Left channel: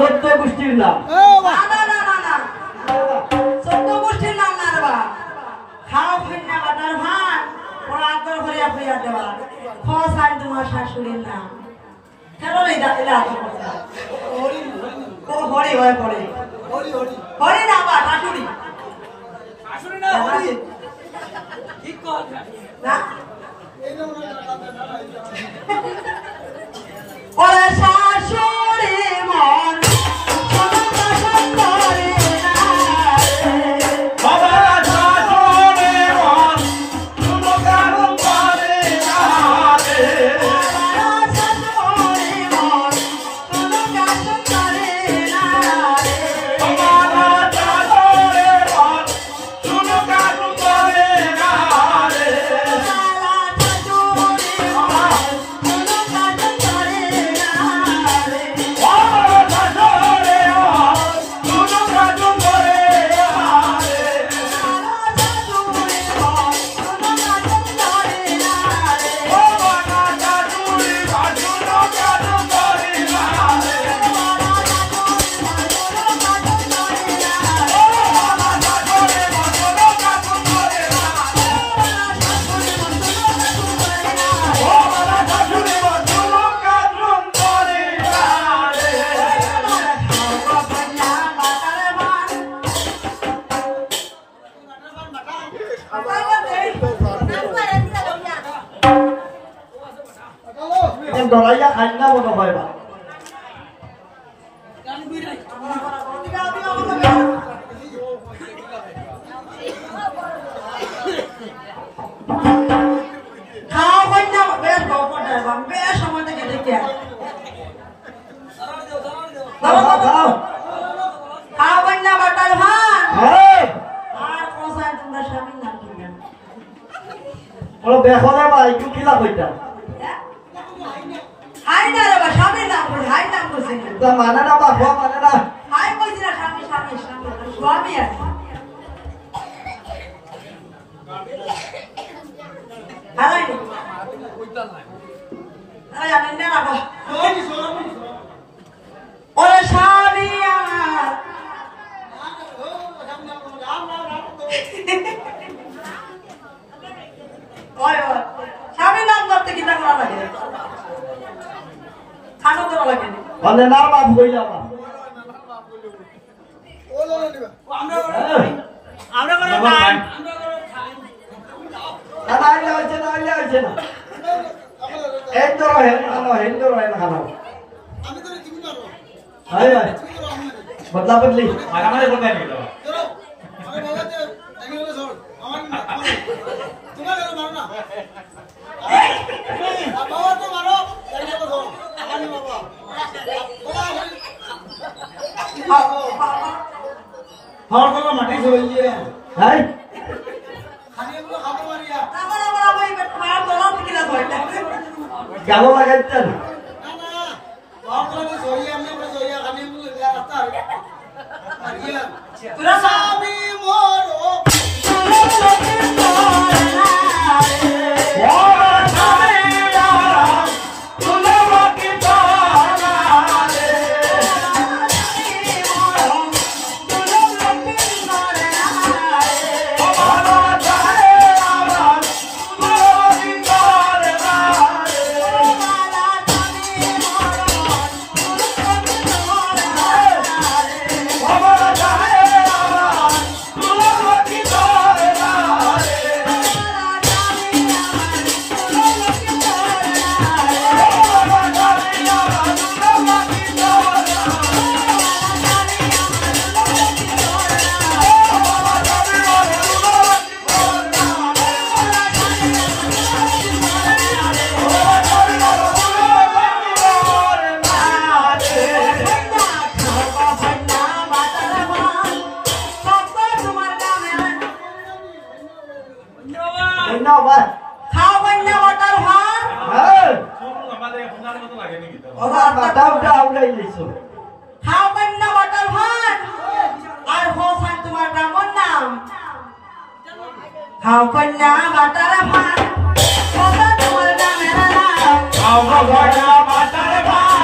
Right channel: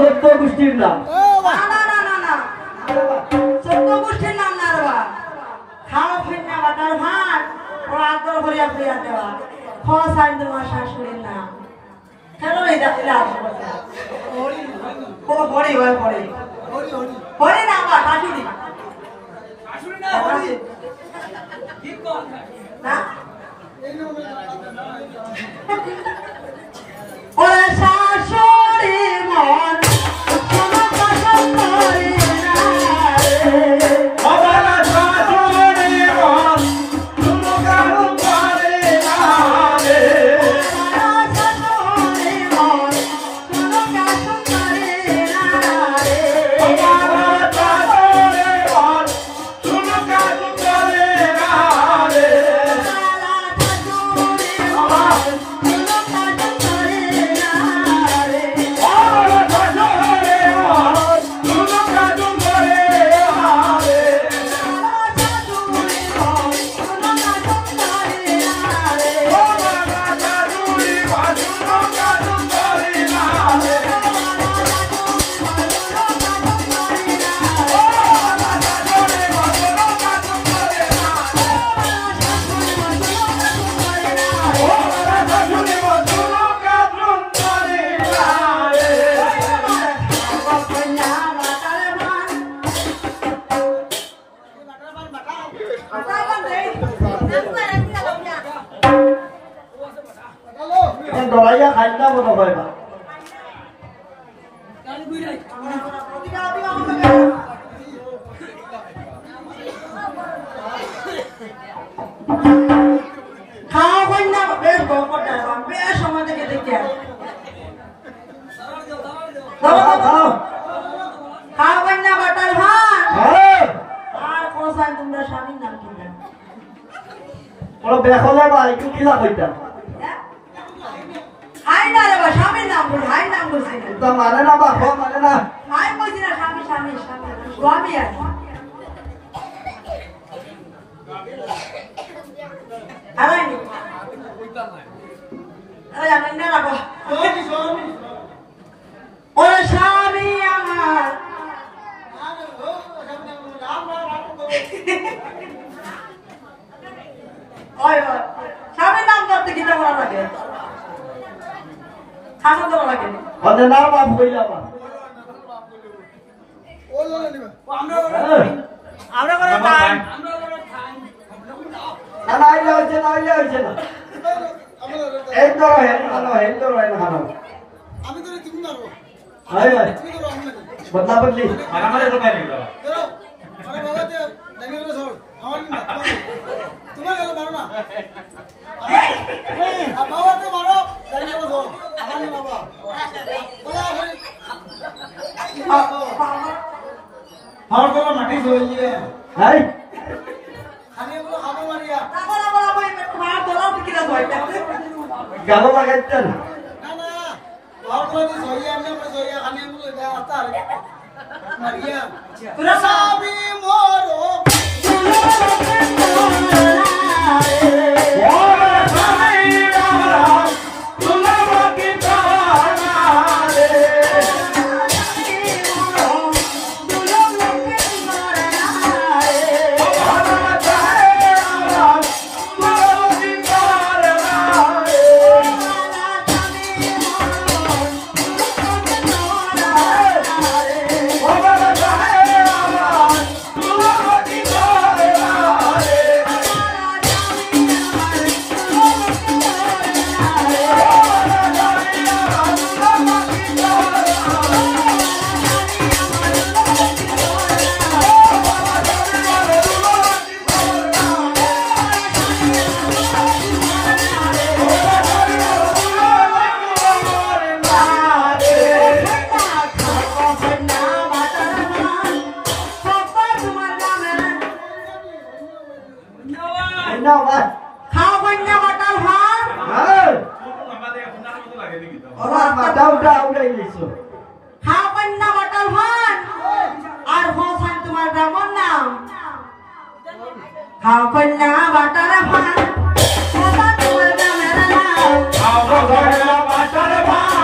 চোদ্দ গোষ্ঠীর নাম না না না না না 14 গোষ্ঠীর নাম না রে বা খাও ফিন্না বাটার ভাত ও আদর হরিয়া প্রিয়া দেওয়া খোসাইন তোমার শাশুড়ির নাম কেন এই দাঁড়িয়ে আছে ও হরি হয় হরি হরি না বা শাশুড়ি শাশুড়ি না হরি ঠিক কথা না ওরে শাশুড়ি মন দলাইয়া খাইলা মতো পাইবা খাওয়া হয় না বেশ গল্পটা বেশ সময় থেকে দেখতে খাওয়া হয় না বাটার ভাত আর কোসাইন তোমরা স্বামীর নাম কি জানো বলো দেখো না ভাই একটু কিলা কইতা হাই না রে ভাই স্বামীর নাম বল হাই নাম বলছিস তো মানে না বাবা মানে না হাই কইছিস না স্বামী স্বামী স্বামী স্বামী আছে আরে কইতা না আরে আমি না রাখো স্বামী ওরে স্বামী আমার ওই স্বামীর নাম করতে কিটা করা লাগে খানো দেওয়া লাগে মানে নার বাপ হই যাবা আমরা করে না না আইলে হচ্ছে না আইলে হচ্ছে না এক ধরো হেন ধরো হেন খানো আমি তো তুমি মারো হাই হাই বদলা বদলি আমারে বলবাই নি দাও আরে বাবা যে দেখি না সর আমার না তোমার গেল মারো না বাবা তো মারো দেখি না সর আমার না বাবা বলা আমার তো মাটি হইছে হাই খানি গুলো খাবো মারিয়া আমার আমার ওই মার দলা কি না হইতা গালো লাগাইতে না না বাবা তো সইয়া আমি সইয়া খানি গুলো আতা মারিয়া তোরা স্বামী মোরো How could now butter a pan? How could now butter a pan?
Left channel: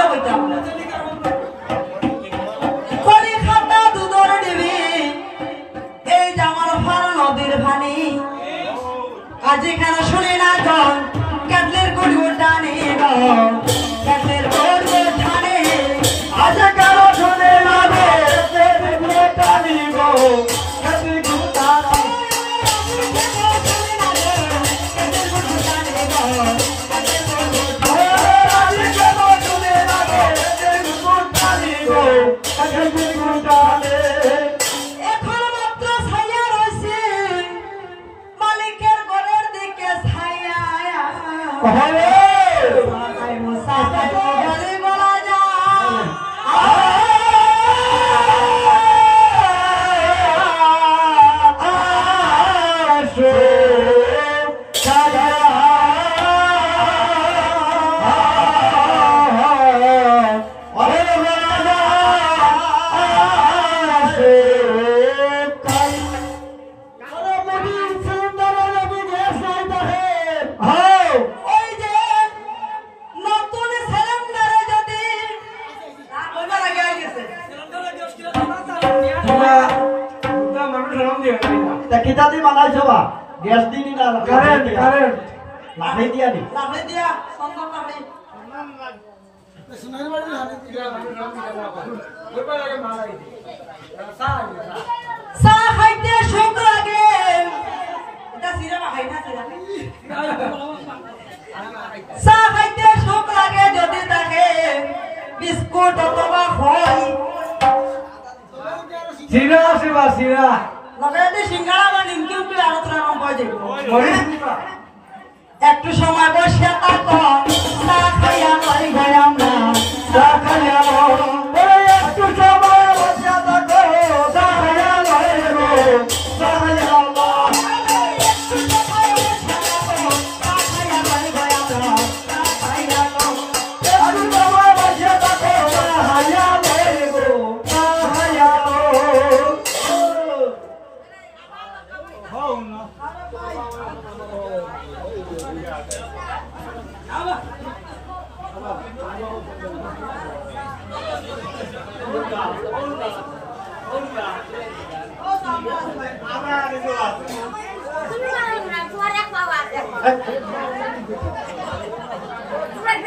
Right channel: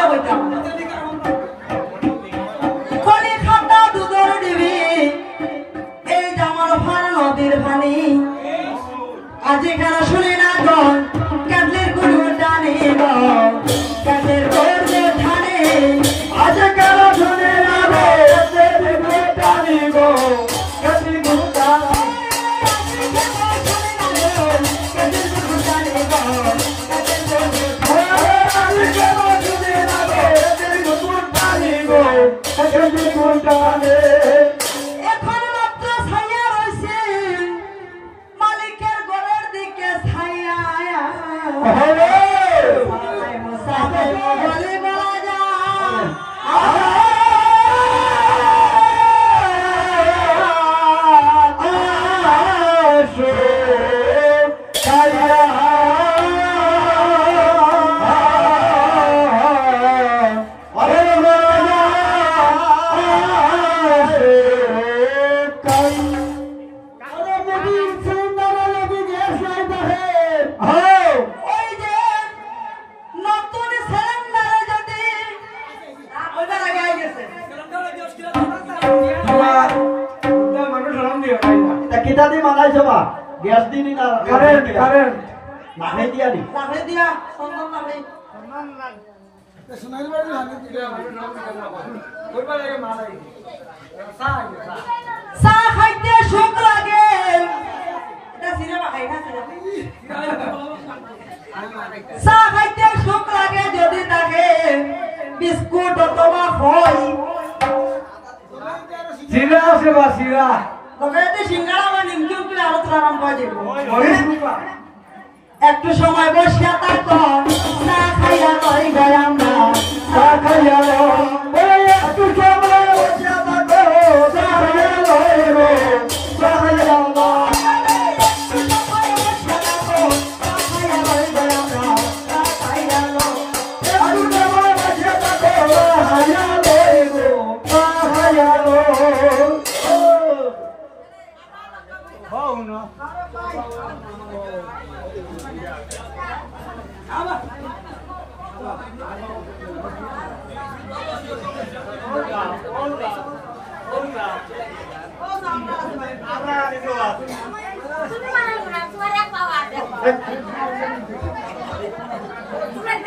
বুঝা বইতাম কলি খাতা দুধর দিবি এই জামার ফার নদীর ভানি আজ কেন শুনি না গন কাটলের গুড় টানি গো কাটলের গুড় টানি আজ কেন শুনি না গো কাটলের গুড় টানি গো কাটলের গুড় টানি এখন মাত্র ছায়া রয়েছে মালিকের ঘরের দিকে ছায়া কিতাদি বানাইছো বা গ্যাস দিনি না কারেন্ট লাগাই দিয়া নি লাগাই দিয়া সন্ধান লাগাই সোনারি বাড়ি হানি দিলা মানুষ নাম দিলা না কইবা লাগে মালাই দি চা খাইতে সুখ লাগে এটা সিরা খাই না সিরা চা খাইতে সুখ লাগে যদি তাকে বিস্কুট অথবা খই সিরা আছে বা সিরা লগাইতে সিঙ্গারা বা নিমকি উঠলে আরো তোর আরাম পাওয়া যাবে একটু সময় বসিয়া থাকন চা খাইয়া লই গয়াম না চা খাইয়া একটু সময় বসিয়া থাকো চা খাইয়া লই গো চা খাইয়া Ini mana yang suara yang bawa?